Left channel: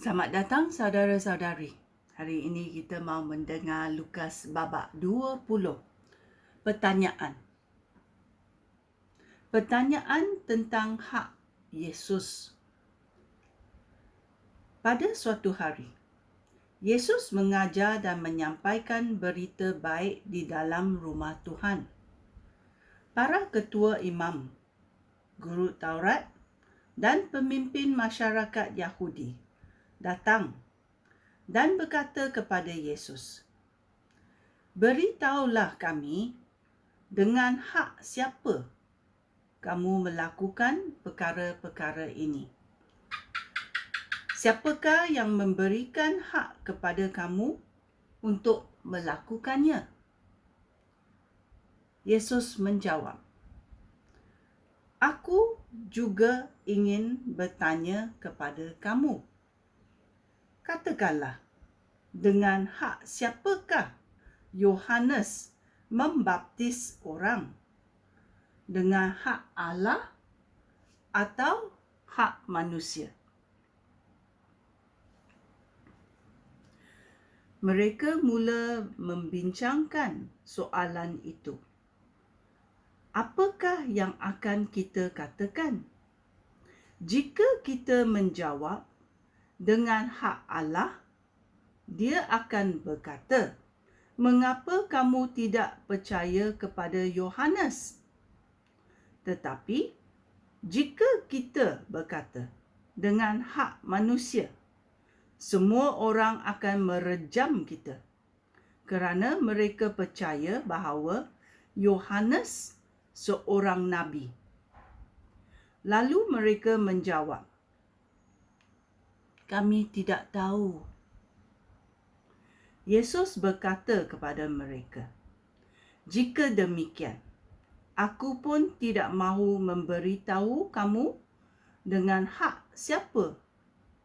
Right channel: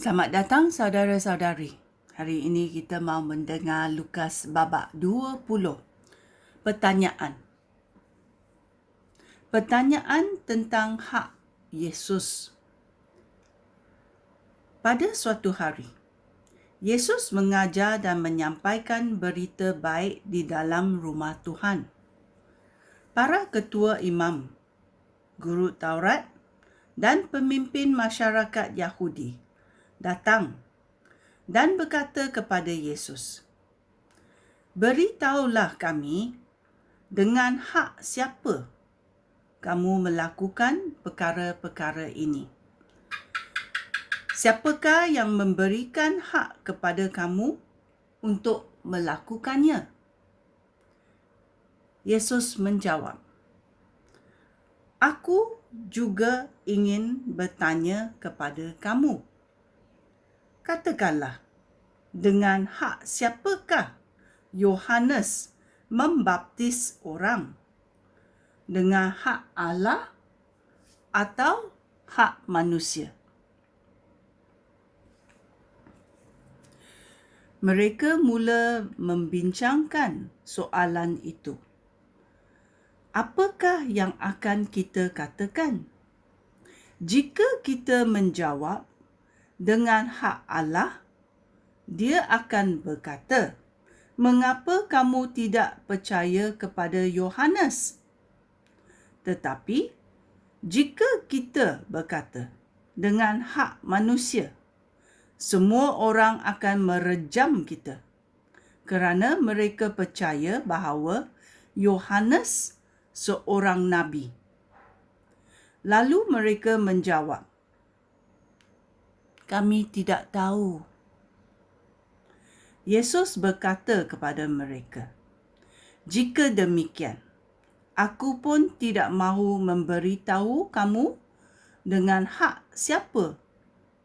Selamat datang saudara-saudari. Hari ini kita mau mendengar Lukas babak 20. Pertanyaan. Pertanyaan tentang hak Yesus. Pada suatu hari, Yesus mengajar dan menyampaikan berita baik di dalam rumah Tuhan. Para ketua imam, guru Taurat dan pemimpin masyarakat Yahudi datang dan berkata kepada Yesus, "Beritahulah kami dengan hak siapa kamu melakukan perkara-perkara ini. Siapakah yang memberikan hak kepada kamu untuk melakukannya?" Yesus menjawab, "Aku juga ingin bertanya kepada kamu. Katakanlah, dengan hak siapakah Yohanes membaptis orang? Dengan hak Allah atau hak manusia?" Mereka mula membincangkan soalan itu. Apakah yang akan kita katakan? Jika kita menjawab dengan hak Allah, dia akan berkata, "Mengapa kamu tidak percaya kepada Yohanes?" Tetapi, jika kita berkata dengan hak manusia, semua orang akan merejam kita kerana mereka percaya bahawa Yohanes seorang nabi. Lalu mereka menjawab, "Kami tidak tahu." Yesus berkata kepada mereka, "Jika demikian, aku pun tidak mahu memberitahu kamu dengan hak siapa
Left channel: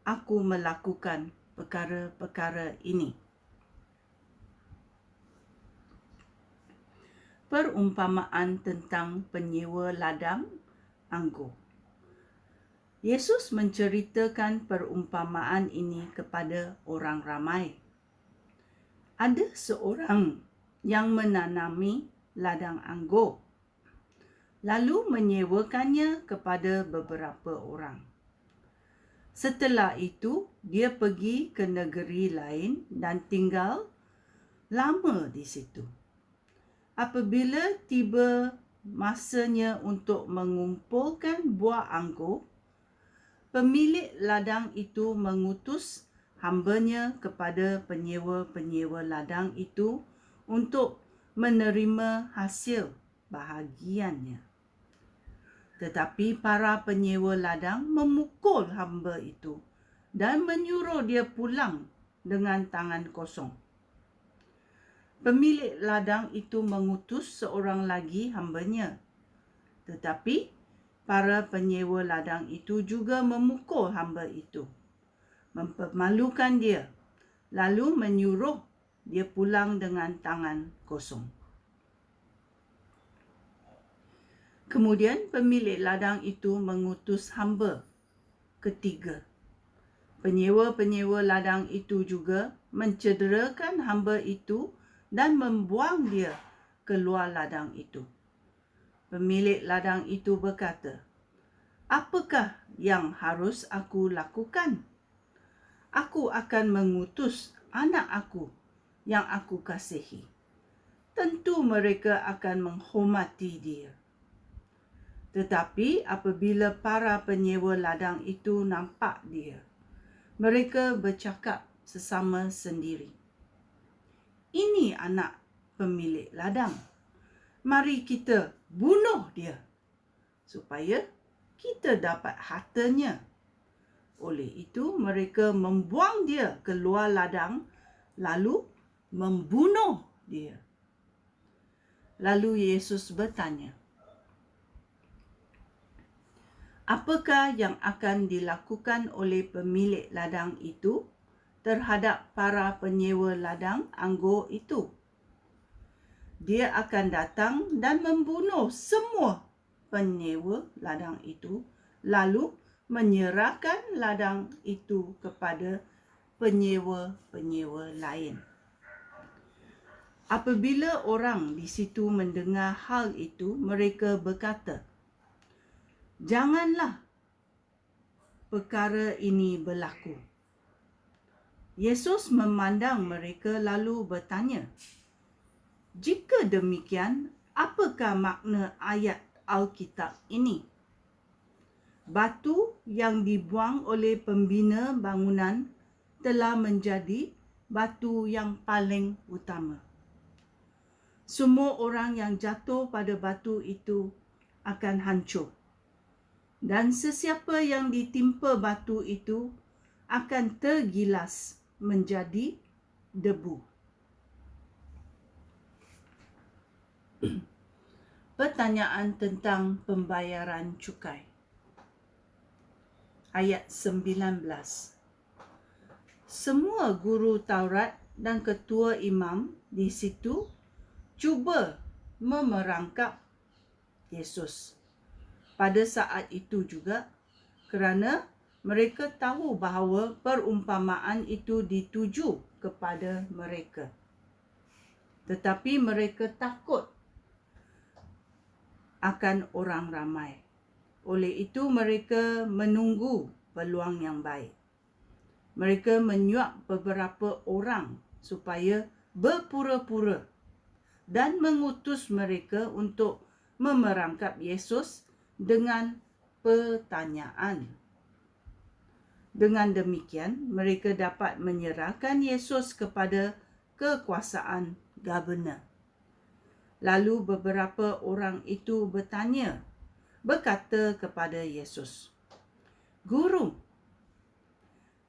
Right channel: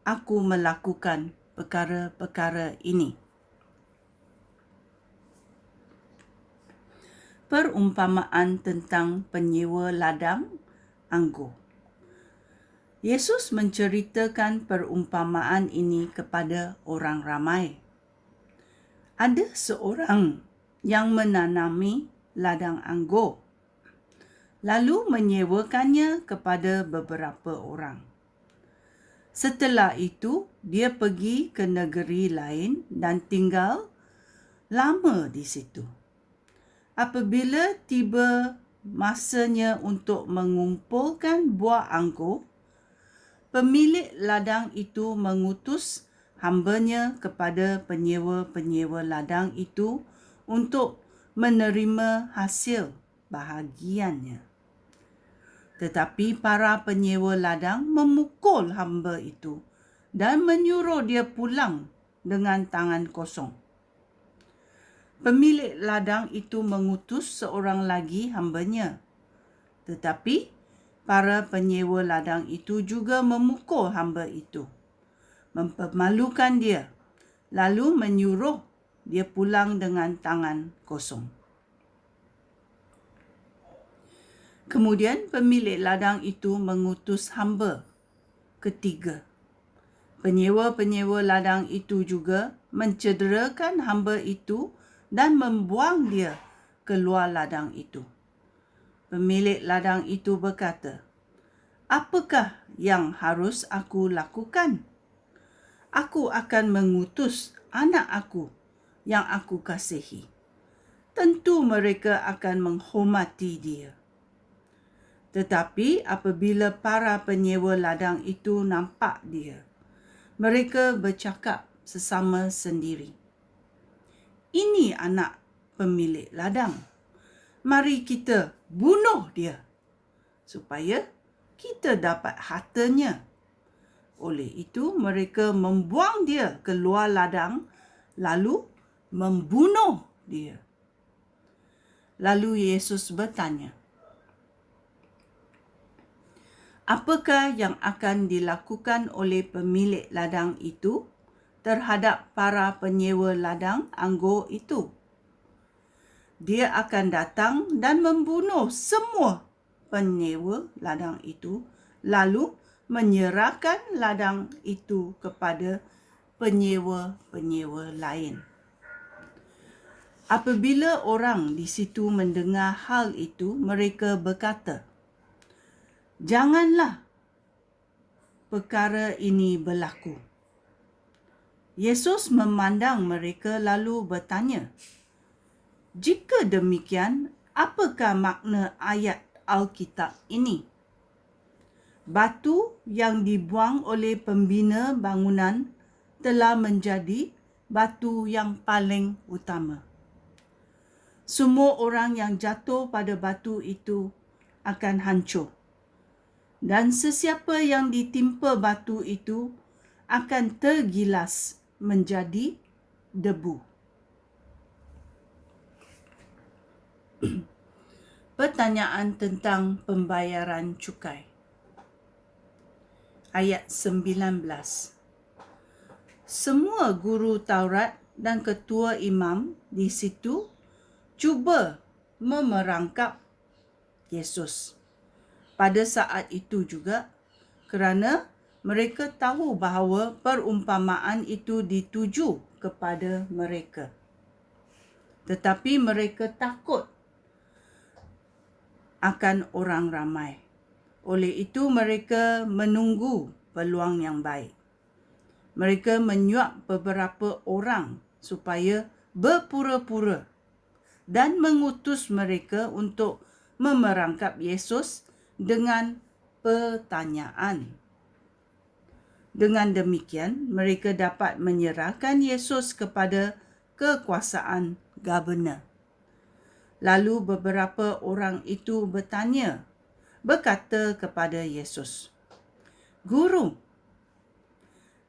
aku melakukan perkara-perkara ini." Perumpamaan tentang penyewa ladang anggur. Yesus menceritakan perumpamaan ini kepada orang ramai. Ada seorang yang menanami ladang anggur, lalu menyewakannya kepada beberapa orang. Setelah itu, dia pergi ke negeri lain dan tinggal lama di situ. Apabila tiba masanya untuk mengumpulkan buah anggur, pemilik ladang itu mengutus hambanya kepada penyewa-penyewa ladang itu untuk menerima hasil bahagiannya. Tetapi para penyewa ladang memukul hamba itu dan menyuruh dia pulang dengan tangan kosong. Pemilik ladang itu mengutus seorang lagi hambanya. Tetapi para penyewa ladang itu juga memukul hamba itu, mempermalukan dia, lalu menyuruh dia pulang dengan tangan kosong. Kemudian pemilik ladang itu mengutus hamba ketiga. Penyewa-penyewa ladang itu juga mencederakan hamba itu dan membuang dia keluar ladang itu. Pemilik ladang itu berkata, "Apakah yang harus aku lakukan? Aku akan mengutus anak aku yang aku kasihi. Tentu mereka akan menghormati dia." Tetapi apabila para penyewa ladang itu nampak dia, mereka bercakap sesama sendiri, "Ini anak pemilik ladang. Mari kita bunuh dia supaya kita dapat hartanya." Oleh itu, mereka membuang dia keluar ladang lalu membunuh dia. Lalu Yesus bertanya, "Apakah yang akan dilakukan oleh pemilik ladang itu terhadap para penyewa ladang anggur itu?" Dia akan datang dan membunuh semua penyewa ladang itu, lalu menyerahkan ladang itu kepada penyewa-penyewa lain. Apabila orang di situ mendengar hal itu, mereka berkata, "Janganlah perkara ini berlaku." Yesus memandang mereka lalu bertanya, "Jika demikian, apakah makna ayat Alkitab ini? Batu yang dibuang oleh pembina bangunan telah menjadi batu yang paling utama. Semua orang yang jatuh pada batu itu akan hancur. Dan sesiapa yang ditimpa batu itu akan tergilas menjadi debu." Pertanyaan tentang pembayaran cukai. Ayat 19. Semua guru Taurat dan ketua imam di situ cuba memerangkap Yesus pada saat itu juga, kerana mereka tahu bahawa perumpamaan itu dituju kepada mereka. Tetapi mereka takut akan orang ramai. Oleh itu mereka menunggu peluang yang baik. Mereka menyuap beberapa orang supaya berpura-pura dan mengutus mereka untuk memerangkap Yesus dengan pertanyaan. Dengan demikian, mereka dapat menyerahkan Yesus kepada kekuasaan governor. Lalu beberapa orang itu berkata kepada Yesus, "Guru,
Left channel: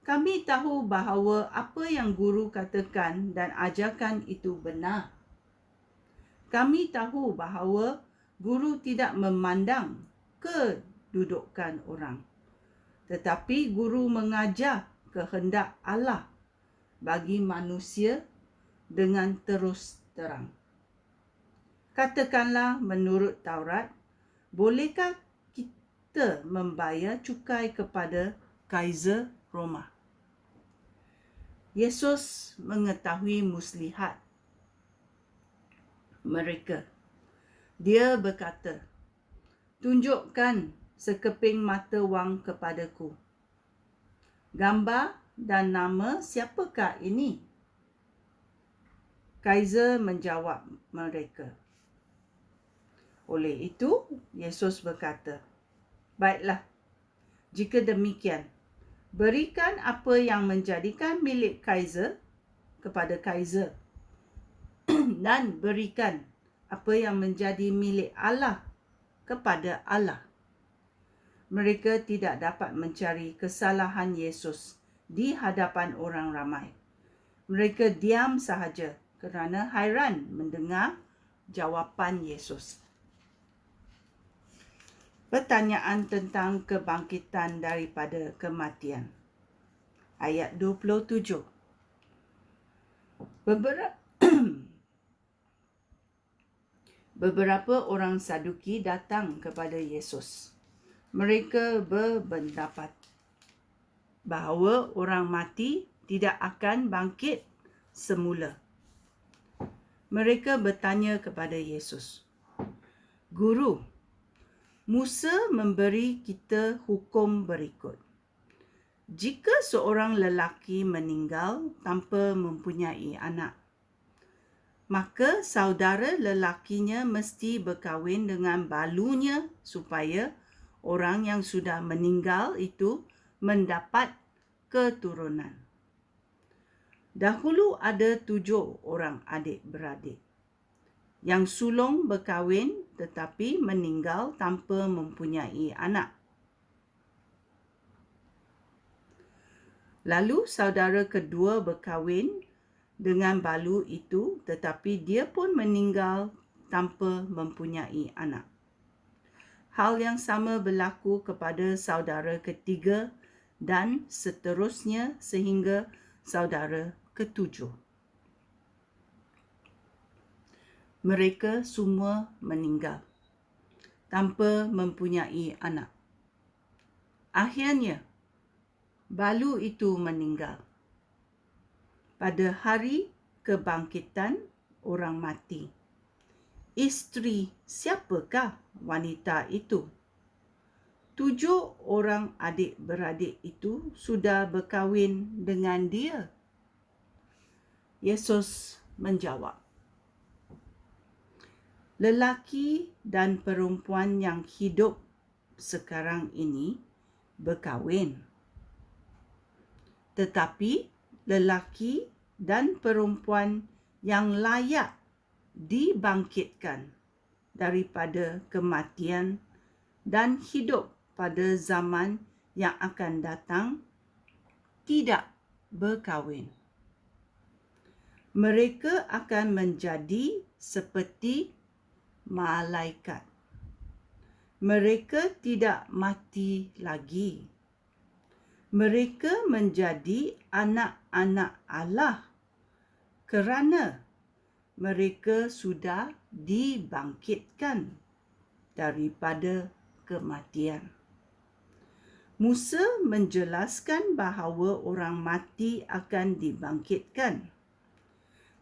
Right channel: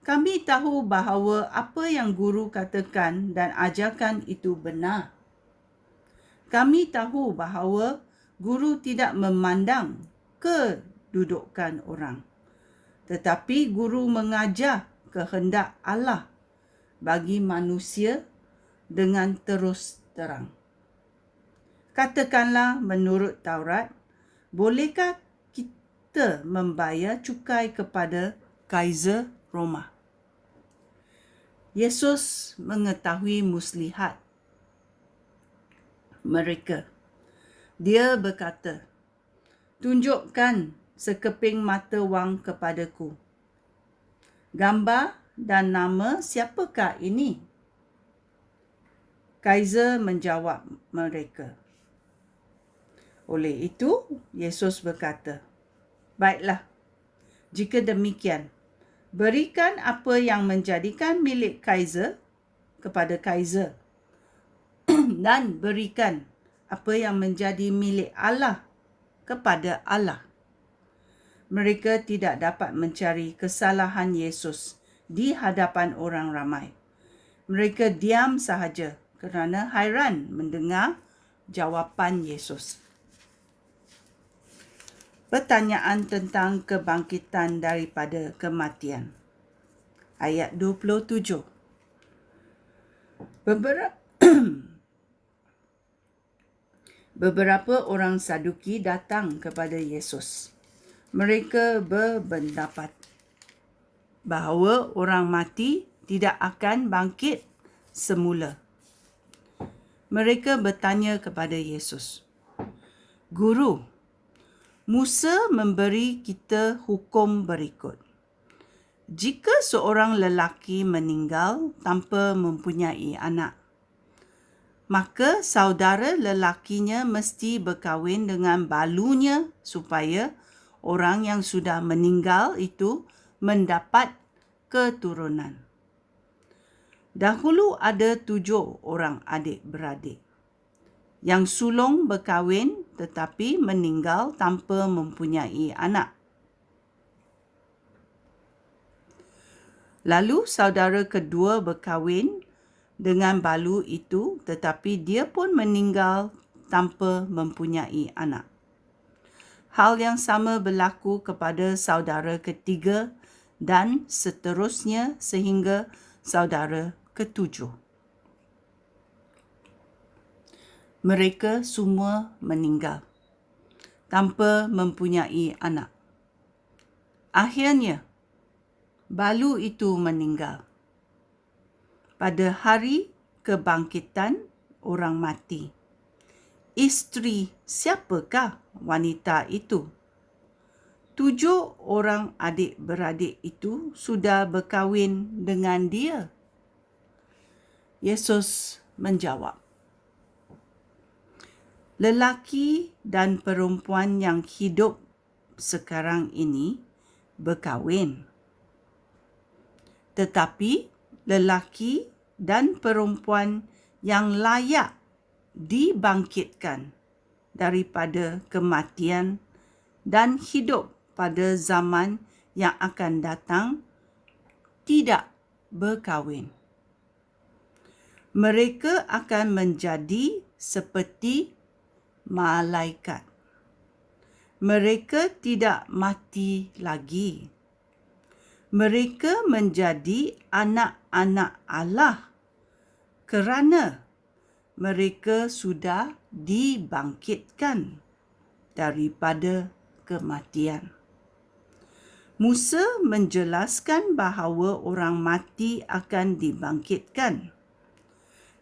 kami tahu bahawa apa yang guru katakan dan ajarkan itu benar. Kami tahu bahawa guru tidak memandang kedudukan orang, tetapi guru mengajar kehendak Allah bagi manusia dengan terus terang. Katakanlah menurut Taurat, bolehkah kita membayar cukai kepada Kaisar Roma?" Yesus mengetahui muslihat mereka. Dia berkata, "Tunjukkan sekeping mata wang kepadaku. Gambar dan nama siapakah ini?" Kaisar menjawab mereka. Oleh itu, Yesus berkata, "Baiklah, jika demikian, berikan apa yang menjadikan milik Kaisar kepada Kaisar, dan berikan apa yang menjadi milik Allah kepada Allah." Mereka tidak dapat mencari kesalahan Yesus di hadapan orang ramai. Mereka diam sahaja kerana hairan mendengar jawapan Yesus. Pertanyaan tentang kebangkitan daripada kematian. Ayat 27. Beberapa orang Saduki datang kepada Yesus. Mereka berpendapat bahawa orang mati tidak akan bangkit semula. Mereka bertanya kepada Yesus, "Guru, Musa memberi kita hukum berikut. Jika seorang lelaki meninggal tanpa mempunyai anak, maka saudara lelakinya mesti berkahwin dengan balunya supaya orang yang sudah meninggal itu mendapat keturunan. Dahulu ada 7 orang adik-beradik. Yang sulung berkahwin tetapi meninggal tanpa mempunyai anak. Lalu saudara kedua berkahwin dengan balu itu tetapi dia pun meninggal tanpa mempunyai anak. Hal yang sama berlaku kepada saudara ketiga dan seterusnya sehingga saudara ketujuh. Mereka semua meninggal tanpa mempunyai anak. Akhirnya, balu itu meninggal. Pada hari kebangkitan orang mati. Isteri siapakah wanita itu? 7 orang adik-beradik itu sudah berkahwin dengan dia. Yesus menjawab, lelaki dan perempuan yang hidup sekarang ini berkahwin. Tetapi lelaki dan perempuan yang layak dibangkitkan daripada kematian dan hidup pada zaman yang akan datang tidak berkahwin. Mereka akan menjadi seperti malaikat. Mereka tidak mati lagi. Mereka menjadi anak-anak Allah kerana mereka sudah dibangkitkan daripada kematian. Musa menjelaskan bahawa orang mati akan dibangkitkan.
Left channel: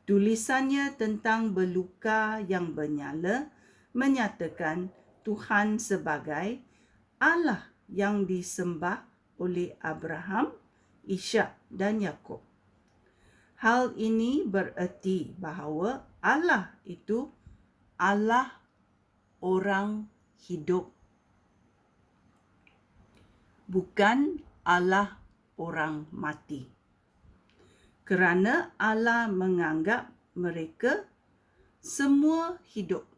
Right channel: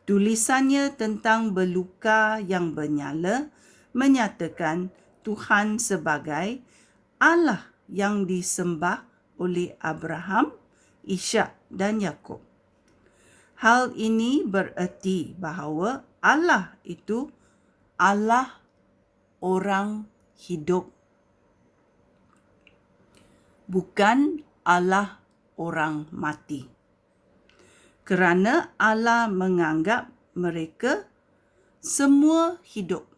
Tulisannya tentang berluka yang bernyala menyatakan Tuhan sebagai Allah yang disembah oleh Abraham, Ishak dan Yakub. Hal ini bererti bahawa Allah itu Allah orang hidup, bukan Allah orang mati. Kerana Allah menganggap mereka semua hidup.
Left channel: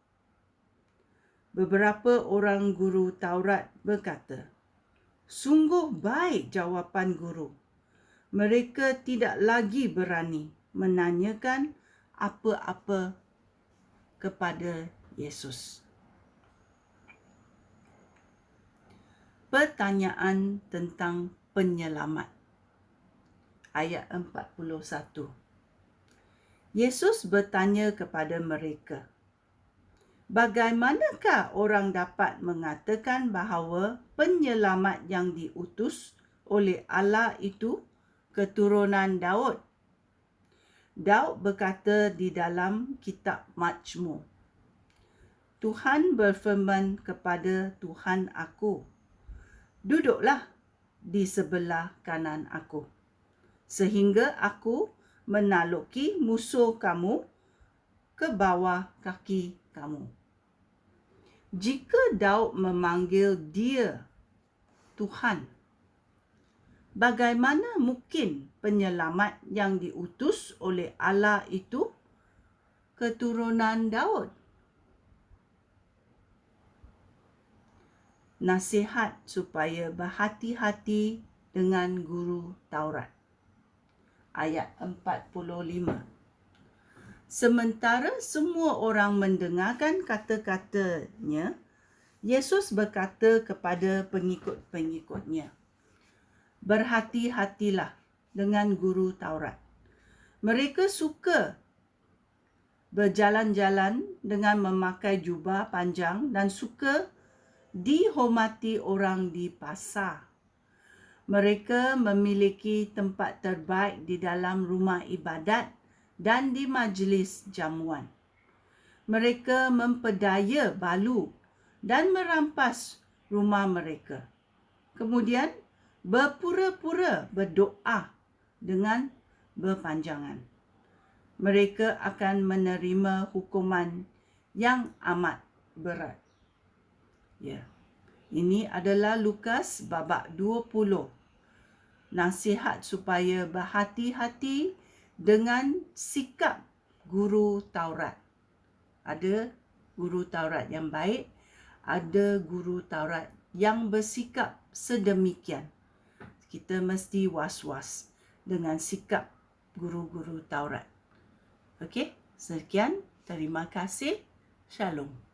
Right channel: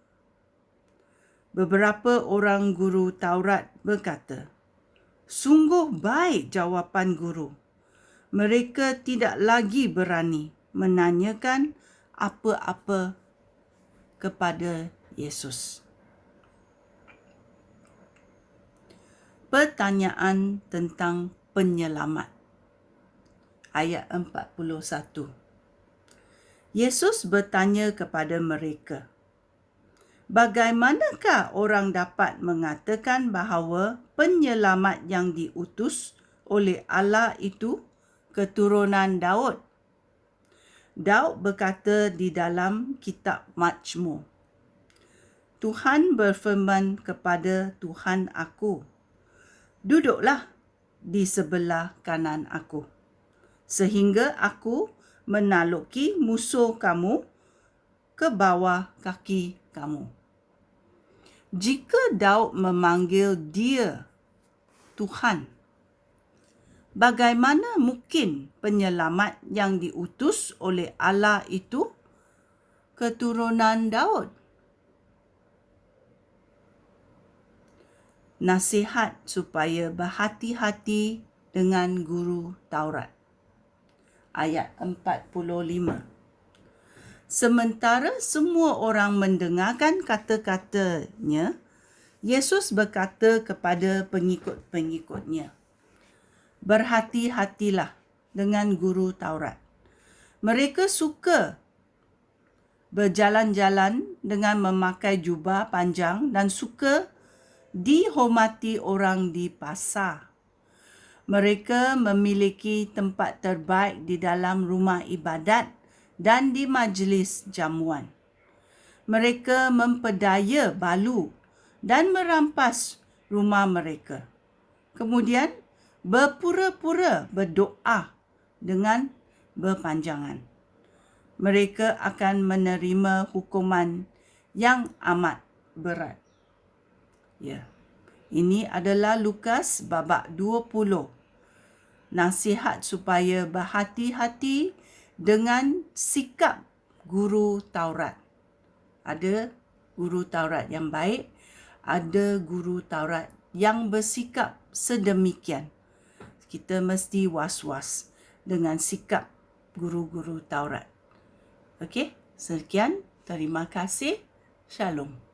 Beberapa orang guru Taurat berkata, sungguh baik jawapan guru. Mereka tidak lagi berani menanyakan apa-apa kepada Yesus. Pertanyaan tentang penyelamat. Ayat 41. Yesus bertanya kepada mereka, bagaimanakah orang dapat mengatakan bahawa penyelamat yang diutus oleh Allah itu keturunan Daud? Daud berkata di dalam kitab Mazmur, Tuhan berfirman kepada Tuhan aku, duduklah di sebelah kanan aku, sehingga aku menaluki musuh kamu ke bawah kaki kamu. Jika Daud memanggil dia Tuhan, bagaimana mungkin penyelamat yang diutus oleh Allah itu keturunan Daud? Nasihat supaya berhati-hati dengan guru Taurat. Ayat 45. Sementara semua orang mendengarkan kata-katanya, Yesus berkata kepada pengikut-pengikutnya, berhati-hatilah dengan guru Taurat. Mereka suka berjalan-jalan dengan memakai jubah panjang dan suka dihormati orang di pasar. Mereka memiliki tempat terbaik di dalam rumah ibadat dan di majlis jamuan. Mereka memperdaya balu dan merampas rumah mereka. Kemudian berpura-pura berdoa dengan berpanjangan. Mereka akan menerima hukuman yang amat berat. Ya. Ini adalah Lukas babak 20. Nasihat supaya berhati-hati dengan sikap guru Taurat. Ada guru Taurat yang baik, ada guru Taurat yang bersikap sedemikian. Kita mesti was-was dengan sikap guru-guru Taurat. Okey, sekian. Terima kasih. Shalom.